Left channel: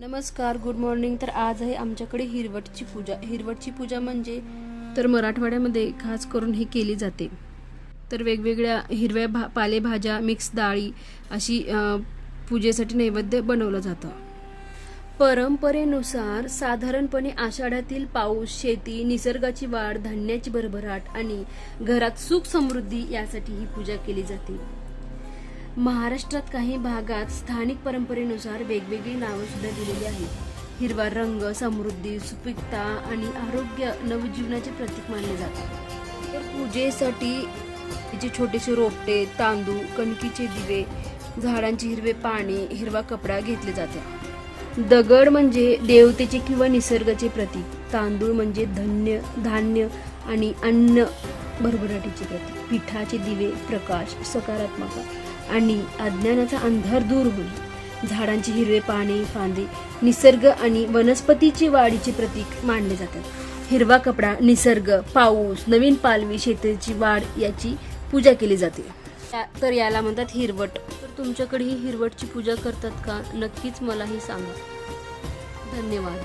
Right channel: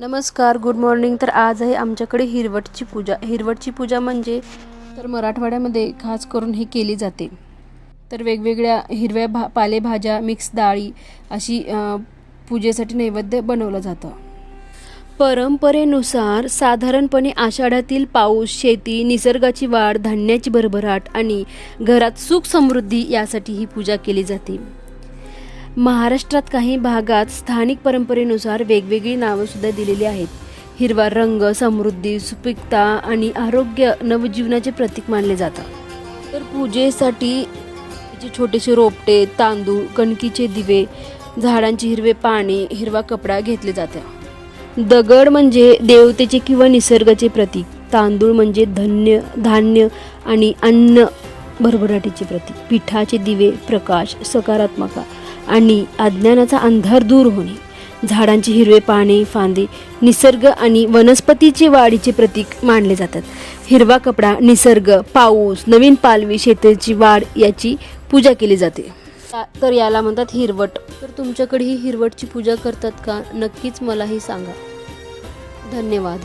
नमस्कार, good morning. तर आज आहे आमच्याकडे हिरवटची पूजा. हिरवटची पूजा म्हणजे तर मराठवाड्यामध्ये खास करून ही केली जाते. तर वेगवेगळ्या हिरव्या पालेभाज्या, मिक्स डाळी अशी पूजेसाठी नैवेद्य बनवलं जातं. परंपरेनुसार साधारणपणे आषाढातील पाऊस, शेती, निसर्गाची वाढ, धान्याची भरभराट आणि घरात सुख समृद्धी यासाठी ही पूजा केली जाते. महाराष्ट्रात काही भागात स्थानिक परंपरेनुसार वेगवेगळी नावं सुद्धा दिलेली आहेत. हिरवा रंग समृद्धी, सुपीकता आणि आरोग्य, नवजीवनाचे प्रतीक मानले जातात. तर पूजेसाठी छोटेसे रोपटे, तांदूळ, कणकीचे दिवे, झाडांचे हिरवे पाने, हिरवा कपडा घेतले जातात. दगड म्हणजे देवतेचे किंवा निसर्गाचे प्रतीक. तांदूळ म्हणजे धान्य आणि अन्न भरभराटीचे प्रतीक. पिठाचे दिवे प्रकाश, सकारात्मकता आणि अज्ञानाचा अंधार दूर होणे. झाडांची हिरवे पाने, फांदे निसर्ग आणि वनस्पतीचे वाढीचे प्रतीक मानले जातात. हिरवा कपडा निसर्ग, पाऊस, नवीन पालवी, शेतीची वाढ याची पूजा केली जाते. तर याला म्हणतात हिरवट. तर तुमच्याकडे ही हिरवटची पूजा करतात का? नक्कीच मलाही सांगा. धन्यवाद.